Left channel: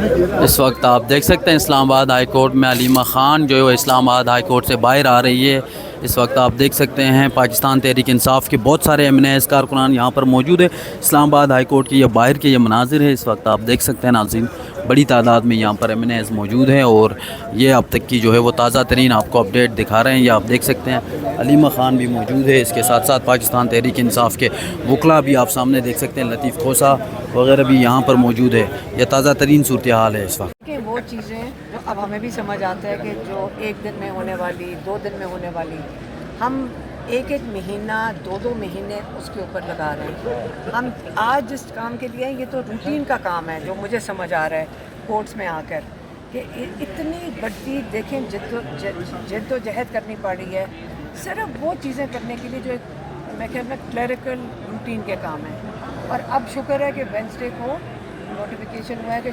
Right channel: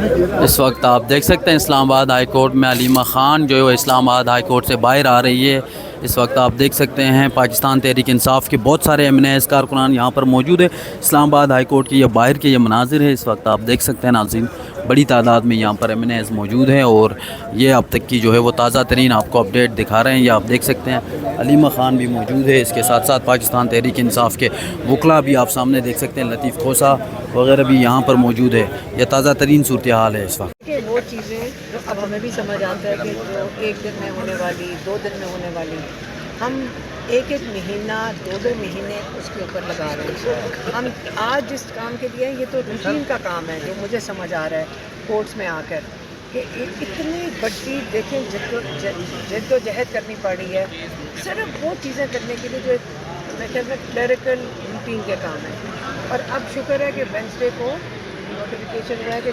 اس وقت آپ دیکھ سکتے ہیں اسلام آباد ہائی کورٹ میں علیمہ خان جو ہے اسلام آباد ہائی کورٹ سے باہر آ رہی ہے۔ اس وقت آپ دیکھ سکتے ہیں پاکستان تحریک انصاف کے بہت سارے ایم این ایز کارکنان یہاں پر موجود ہے۔ اسلام آباد ہائی کورٹ کے یہ باہر کے یہ مناظر ہے۔ اس وقت آپ دیکھ سکتے ہیں ناظرین، بڑی تعداد میں یہاں پر ایم این ایز موجود ہیں اور یہ اب تک کی جو ہے وہ تازہ ترین آپ کو اپڈیٹ دکھا رہے ہیں۔ یہ آپ دیکھ سکتے ہیں علیمہ خان بھی موجود ہے، اس کے ساتھ ساتھ پاکستان تحریک انصاف کے وکلاء بھی آپ سامنے دیکھ سکتے ہیں، لطیف کھوسہ وغیرہ بھی یہاں پر موجود ہے۔ یہ تازہ ترین صورتحال ہے اس وقت۔ کہ وہ چیزیں جو اب ہمیں بھی سمجھ آتا ہے کہ جو ایک دن میں ہونے والی، 2 دن میں ہونے والی، ہم ایک مہینہ 2 مہینے اس کے اوپر لگا رہے ہیں۔ ہم آج جس کام کے لیے یہ تو روٹین کا کام ہے جو مجھے سمجھ آ رہا ہے کورٹس میں آ کر کہ اتنی بڑی دیکھیں جد و جہد کرنی پڑی ہے صرف وہ چیزیں کرنے کے لیے جو میں خیال میں کلیریکل روٹین کے کام ہیں۔ اور اب شکر ہے کہ وینسڈے کو نوٹیفیکیشن ہوا ہے کہ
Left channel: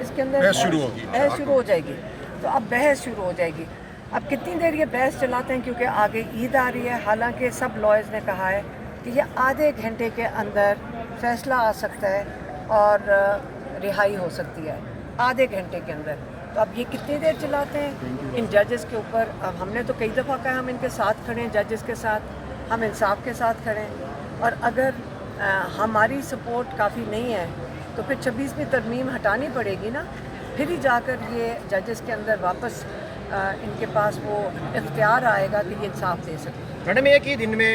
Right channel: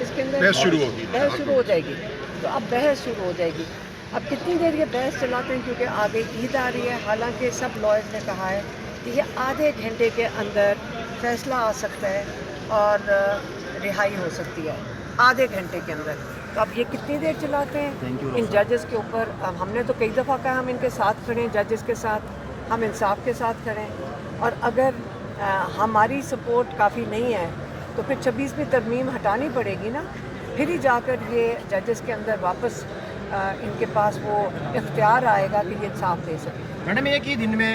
اس کے اندر بحث شروع ہو جائے گی۔ تو اب بحث شروع ہو جائے گی۔ اب کتنی دیر یہ بحث چلاتے ہیں کیونکہ آگے عید آ رہی ہے، حالانکہ سب لائرز نے کہا ہے کہ یہ آدھے گھنٹے کے اندر فیصلہ آ سکتا ہے اور رہائی ہو سکتی ہے آدھے گھنٹے کے اندر۔ تو اب یہ کتنی دیر چلاتے ہیں ان ججز کے اوپر۔ اب ہم نے تو کئی دفعہ کہا ہم ان کے ساتھ کھڑے ہیں، ججز کے ساتھ، ہم انصاف کے ساتھ کھڑے ہیں، اور اگر ہماری سپورٹ کافی نہیں ہے تو پھر 26ویں ترمیم ہٹانی پڑے گی نا، پھر ہی جا کر یہ ججز کے اندر واپس ان کے پاس وہ اختیار آئے گا کہ یہ انصاف دے سکے۔ میڈم ایک ہی دن میں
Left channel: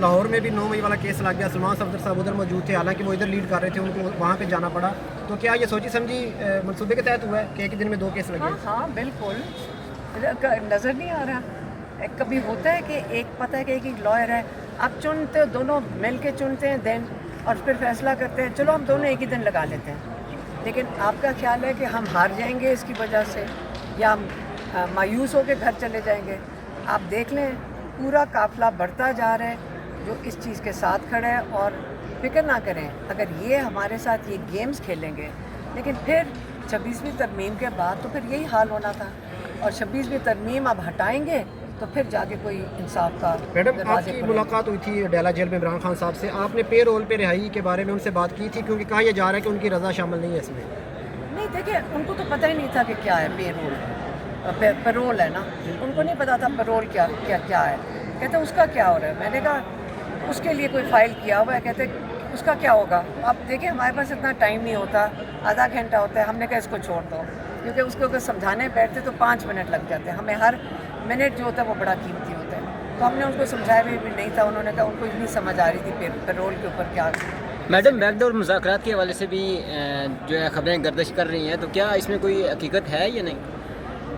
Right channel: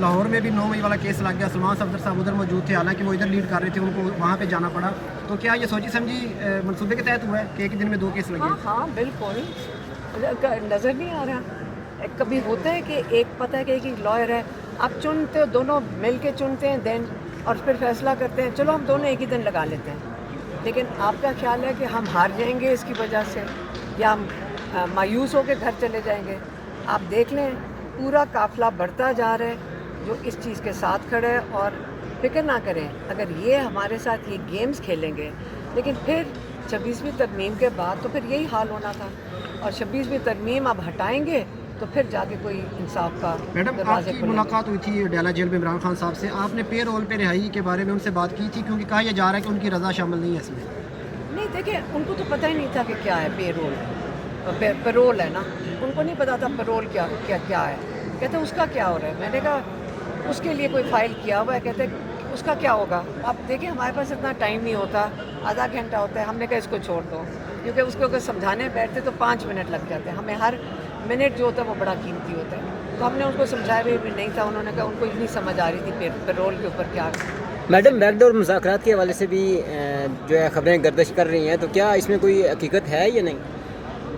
لاہور میں بھی 9 مئی والا کیس لگ گیا، سلمان صفدر صاحب ادھر موجود تھے، حالانکہ وہ ادھر لیڈ کر رہے تھے، ان کو وہاں پہ جانا پڑا۔ تو کیا یہ سوچی سمجھی منصوبے کے تحت ہوا ہے کہ ایک ہی دن میں 2 کیس لگے؟ ہاں بالکل، نظر نہیں آ رہا۔ کبھی ہوتا ہے کہ ایک پتہ ہے کہ ایک ہی لائر ہے، آپ چنتے ہو، دونوں مل کے چنتے ہیں دن، اور پھر فیصلہ کرتے ہیں چلو ہم دونوں ایک ہی دن لگا لیتے ہیں۔ لیکن آپ کا خیال ہے کہ ہم ہار جائیں گے اس کی وجہ سے، یا ہم مایوس ہو کے گھر چلے جائیں گے؟ آپ دیکھ لیں پورا قافلہ بڑھتا جا رہا ہے جو اس چیز کے ساتھ کھڑا ہے، اور فکر نہ کریں اگر یہ ہمارے ساتھ یہ گیمز کھیلیں گے، لیکن پھر 26ویں ترمیم کے بعد تو پھر یہی حال ہونا تھا، اور 26ویں ترمیم اب ہٹائیں گے تو پھر جا کے کوئی انصاف کا میڈم آپ دروازے کی کھلیں گے۔ ملاقات ہوئی تھی ڈیلا جیل میں عمران خان صاحب سے، آپ نے پے رول پہ رہائی کے بارے میں ان سے بات کی تھی، کیونکہ کہا یہ جا رہا ہے کہ ان کی رضا شامل نہیں ہے اس میں؟ نہیں دیکھیں، ان کو تو پتہ ہی نہیں تھا کہ کیا ہے پے رول، پیرول ہے نا، ان کو نہیں پتا تھا پیرول کیا ہے۔ کہتے اس کا کیا ہو رہا ہے؟ میں نے کہا اس کے لیے کوئی فائل کیا ہوا ہے، کہتے اس کا کیا ہوگا؟ اب دیکھیں ہمارے پاس اتنا ٹائم نہیں ہوتا، آدھا گھنٹہ ہوتا ہے، ہم نے کہا اس کو چھوڑ دو، کیونکہ اس کو اگر سمجھانے بیٹھتے تو 5 منٹ لگ جاتے ہیں، ہمیں ہر منٹ جو ہوتا ہے وہ بڑا قیمتی ہوتا ہے۔ تو ہم نے ان کو سمجھایا بھی نہیں تھا، انہوں نے کہا ان کو نہیں سمجھ آ رہی تھی پیرول کے اوپر کیا۔ میڈم بیک ڈور مذاکرات کے حوالے سے بھی جو ہے خبریں گردش کر رہی ہیں، تو کیا اس میں کوئی حقیقت ہے یا نہیں؟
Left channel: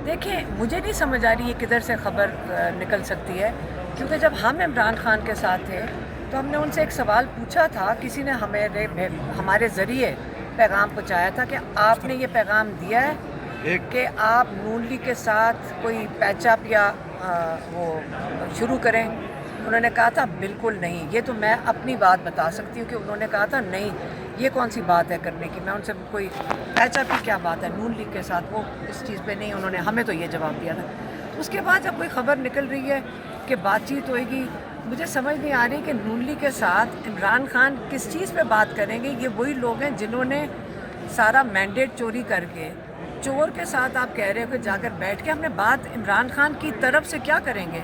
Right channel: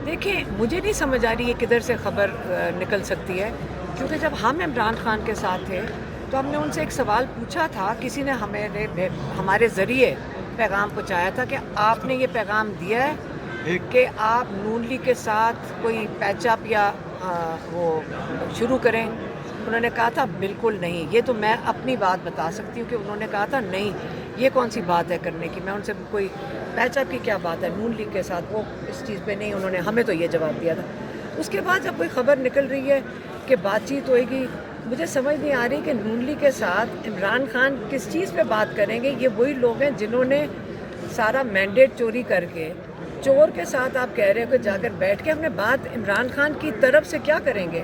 دیکھیں مجھے نہیں سمجھ آ رہی یہ کدھر سے خبر نکل سکتی ہے، کیونکہ جب ہم عمران خان کے ساتھ تھے تو ہم نے ان سے ایک سوال پوچھا تھا، کسی نے ہمارے ذریعے پیغام پہنچایا تھا کہ آپ نے یہ پیغام دیا ہے کہ آپ نون لیگ کے ساتھ کوئی پیچ اپ یا وہ شروع کریں؟ انہوں نے کہا تھا بالکل نہیں، یہ تو میں اپنی بات بتا سکتی ہوں کہ انہوں نے کہا تھا نہیں، یہ کون سی بات ہے کرنے کی، میں ان سے کوئی پیچ اپ کی کیا بات ہے نون لیگ کے ساتھ، وہ اس چیز پہ نہیں، انہوں نے ہمیں تو یہ جواب دیا تھا۔ اس کے بعد جب کوئی خبر نکل رہی ہے کہ بات چیت ہوئے گی، مجھے سمجھ نہیں آ رہی کہ نون لیگ کے ساتھ عمران خان کس چیز پہ بات کریں گے۔ یہ وہی لوگ ہیں جنہوں نے سارا مینڈیٹ چوری کر کے، چور کے ساتھ آپ کہہ رہے ہو کہ جا کر بیٹھ کے ہم نے بات عمران خان کی طرف سے کیا کریں گے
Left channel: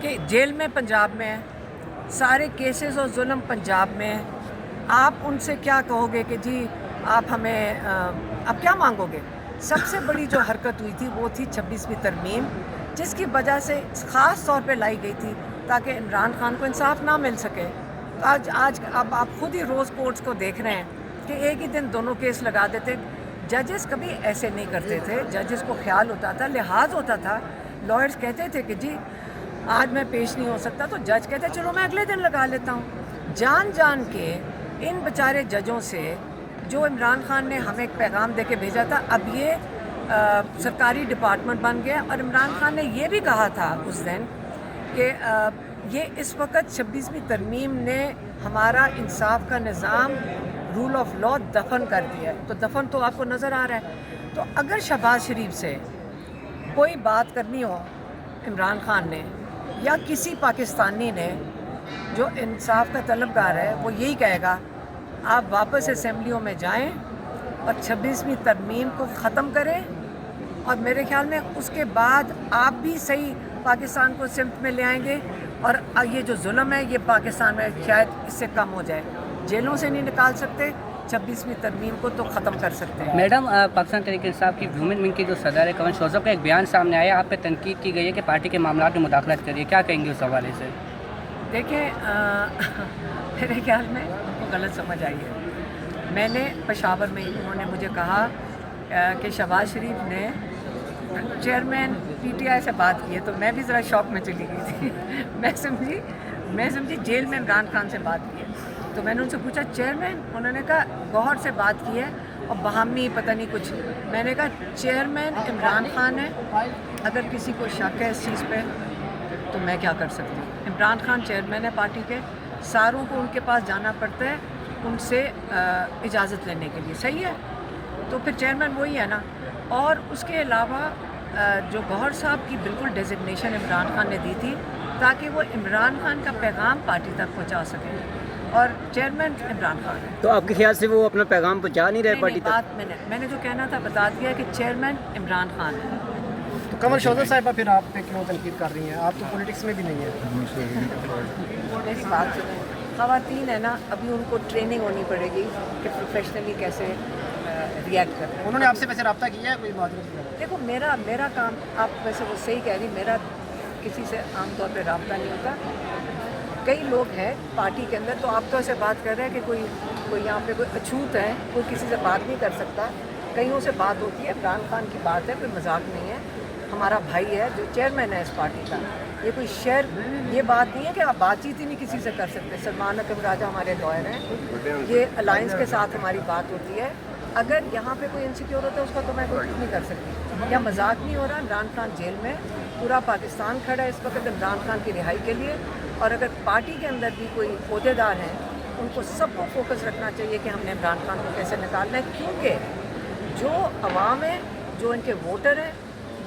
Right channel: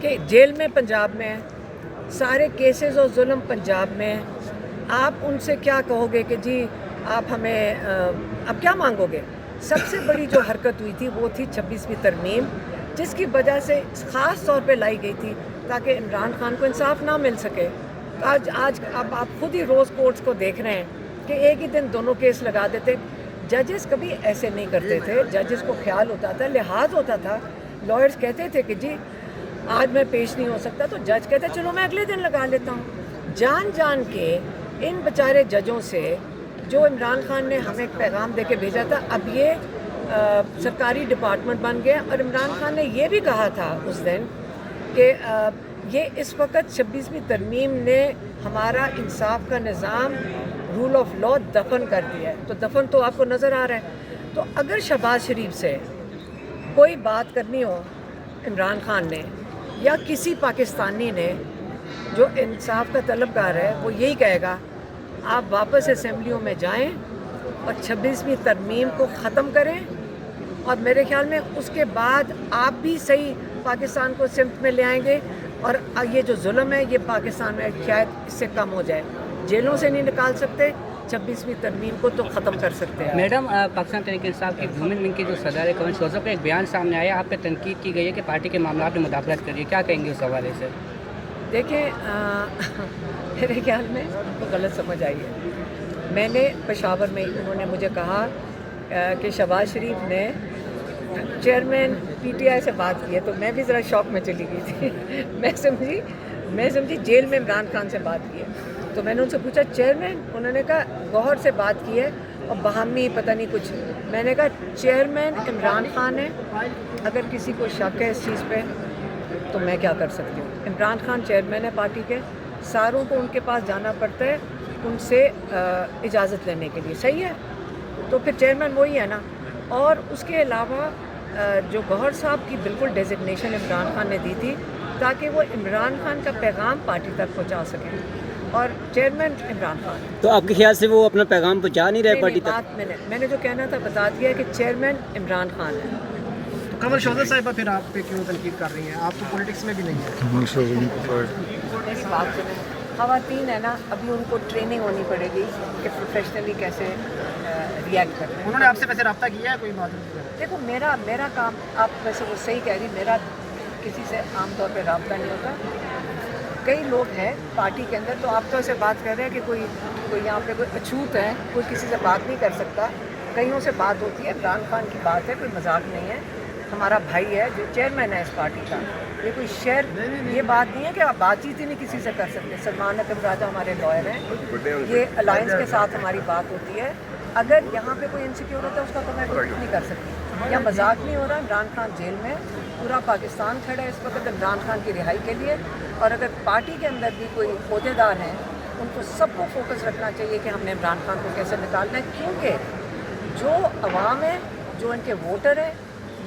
کہ جیل میں پنجاب میں ہیں، سارے کیسز اور ظلم پنجاب میں ہیں، آپ ان سے کیا کہو گے کہ جی آپ ہمیں اب کیا مانگو گے؟ سب سے بڑی جو حرکت ہوئی تھی وہ تھی 26ویں ترمیم، جس کی وجہ سے خاص طور پہ لائی گئی تھی تاکہ عمران خان کو انصاف نہ مل سکے۔ آج اب آپ خود ہی روز کورٹس کو دیکھ رہے ہیں کہ ایک ہی دن دونوں کیس لگا دیتے۔ ججز کبھی ایسے نہیں کرتے تھے، ججز کو خیال ہوتا تھا، لحاظ ہوتا تھا، لائرز کہتے تھے کہ جی آج میں پیش نہیں ہو سکتا، تو جج کہتے چلو میں اگلے دن لگا لیتا ہوں۔ جان کے ان بیچارے ججوں سے جو عمران خان نے ہمیں ایک پیغام دے کے بھیجا تھا، اب یہ سرکاری ڈپارٹمنٹ بن گیا، اور عمران خان نے یہ بھی کہا تھا اس دن کہ یہ اس وقت 26ویں ترمیم نے ہمارا انصاف کا نظام، رول آف لا دفن کر دیا ہے۔ تو دفن تو آپ کو نظر آ رہا ہے۔ تو اگر شہباز شریف سے کوئی بات کرنی ہو عمران خان نے یا کسی پاکستانی نے جو انصاف کا طلبگار ہے، وہ یہی کہے گا آپ واپس اسمبلیوں میں جائیں اور 26ویں ترمیم کو ختم کریں، اور میرے خیال میں اس کے بعد آپ بھی صحیح پاکستان کو سمت میں لے آئیں گے، اور یہ جو ظلم ہے یہ پاکستان میں شاید اس سے کم ہو جائے. جیلوں سے نہیں نکال سکتے، 26ویں ترمیم کو تو ختم کر سکتے ہیں. میڈم، پاکستان تحریک انصاف کی ویمن ونگ کے جو صدر ہے کمر شوزہ کا ایک بیان سامنے آیا، آپ پہ تنقید کی گئی ہے کہ پارٹی کے معاملات میں مداخلت کریے، کیا کہیں گے اس حوالے سے؟ دیکھیں، میرے خیال میں ان کو غلط سمجھ آئی ہے. میں نے پشاور میں انہوں نے مجھے کہا کہ شہباز شریف نے چیئرمین پی ٹی آئی سے بات کی ہے، تو میں بھی ذرا شوق میں چلی گئی تھی. میں سمجھی جیل میں عمران خان سے بات کی ہے. تو میں نے ان سے پوچھا چیئرمین، انہوں نے کہا گوہر سے بات کی ہے اور باہمی پتہ نہیں کچھ. میں نے کہا چیئرمین عمران خان ہے، اگر کسی کو شک ہے اس چیز پہ تو میں کیا کر سکتی ہوں. عمران خان چیئرمین ہے پارٹی کے، ساروں کو ان کے پاس جانا پڑتا ہے ان سے اجازت لینے کے لیے. صحیح ہے، تو پھر چیئرمین وہی ہے نا. اور اس کے علاوہ جو گوہر صاحب کی بالکل ڈیزگنیشن عمران خان نے دی تھی تاکہ وہ عمران خان کا پیغام پارٹی تک پہنچا سکیں، اور چیئرمین عمران خان ہے. تو آپ کے خیال سے وہ اپنا پیغام پہنچا نہیں رہے پارٹی تک؟ بات میں نے جو کہنا تھا بتا دیا کہ چیئرمین عمران خان ہے. تو قمر شوزہ صاحبہ پھر آپ پہ کیوں تنقید کر رہی ہیں؟ آپ تو پولیٹکس میں بھی نہیں ہیں. میری بات سنیں، خواتین ہیں نا، ابھی ان کو ٹریننگ ہونی پڑے گی کہ پروفیشنلی کیسے ریئیکٹ کرتے ہیں. انہوں نے آپ سے ویسے رابطہ کیا ہے کوئی بات؟ دیکھو میرا کام، آپ ویسے وہ صحیح کہہ رہی، میرا کسی سے عام طور پہ رابطہ نہیں ہوتا. کئی لوگ ہیں پارٹی کے اندر، تو آپ تو ایسے بات کر رہے ہیں کہ کوئی یہاں پہ کوئی اچھوت ہے، کوئی کسی سے بات نہیں کر سکتا. کئیوں سے بات ہوتی ہے. عمران خان کی بات ہے، کوئی مذاق نہیں ہے. ہمارا بھائی ہے جو چیئرمین ہے اس پارٹی کا. یہ کوئی یہ بات نہیں ہے کہ آپ بات چیت ہی نہیں کسی سے کر سکتے. سلمان اکرم راجہ ہمارے لائر ہیں، یہ الائنس کے ساتھ ہماری بات ہوتی ہے. اگر یہاں پہ کوئی انسیکیور ہوتا ہے اس کا تو میں کچھ نہیں کر سکتی. یہاں مذاق نہیں ہو رہا. عمران خان جیل میں، پورا پاکستان کھڑا ہے اس وقت عمران خان کی رہائی کے لیے. اور اگر پارٹی کے اندر بھی کوئی عہدیدار ہیں، ان کو سب کو فوکس رکھنا چاہیے کہ ہم نے عمران خان کو کیسے نکالنا ہے، کیونکہ جو عوام ہے، جو ان کے ووٹر ہیں،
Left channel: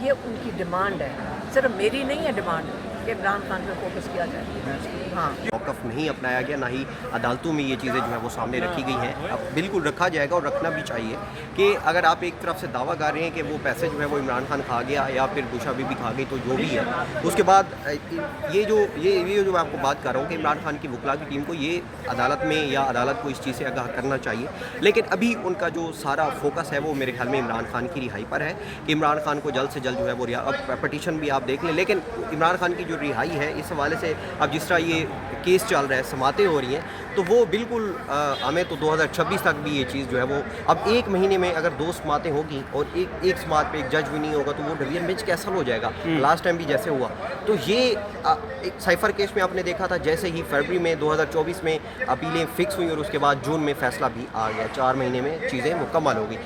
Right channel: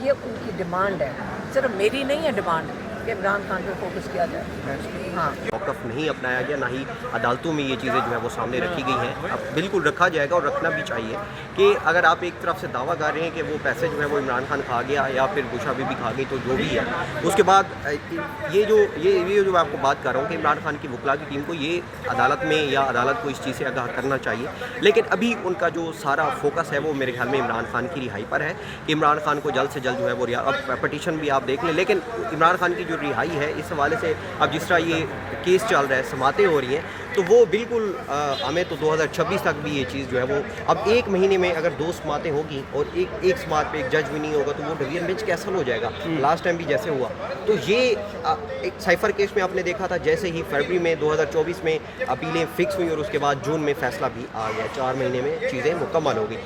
یہ ان کی ڈیمانڈ ہے. صرف میری نہیں ہے ڈیمانڈ کہ عمران خان پہ فوکس کیا جائے. ہاں، موقف نہیں اپنایا گیا، نہ ہی عدالتوں میں یہ چیزیں جو ہے وہ سامنے رکھی گئی ہیں. اب بالکل رکھا جائے گا اور رکھنا بھی چاہیے کہ اگر آپ ایک طرف سے دعویٰ کر رہے ہیں کہ وہ پیسے جو ہے وہ عمران خان کھا گیا یا پھر گوشہ بی کھا گئی، تو جو بھی ہے اس کے بعد یہ جو میں آپ کو بات کر رہا ہوں کہ عمران خان کی وکلاء کی ٹیم کو یہ عدالت میں یا عدالت کو اس چیز سے آگاہ کرنا چاہیے. لیکن ابھی ان کا جو سارا فوکس ہے وہ میرے خیال میں عمران خان کی رہائی پر ہے کہ عمران خان کو جلد سے جلد جو ہے وہ اب پٹیشن بھی آپ دیکھ لیں. لیکن عمران خان کی جو رہائی ہے اس حوالے سے اب جس طرح یہ کیس چل رہا ہے، سماعتیں ہو رہی ہیں، تو وہ بالکل ہمیں تو 2026 تک بھی یہ چیز جو ہے وہ اب ایک مہینے میں اگر 2 سماعتیں ہوگی اور ایک سماعت پہ ایک جج بھی نہیں ہوگا تو وہ ڈویژن بینچ کیسا ہو جائے گا. لاسٹ ٹائم بھی جیسے ہوا. تو یہ ایک سائفر کیس میں آپ نے دیکھا تھا، جیسے ہی فروری میں 2024 میں اپیلیں فکس ہوئی اور اس کے بعد جون میں فیصلہ بھی آ گیا. 4 مہینے میں چیزیں مکمل ہو گئی.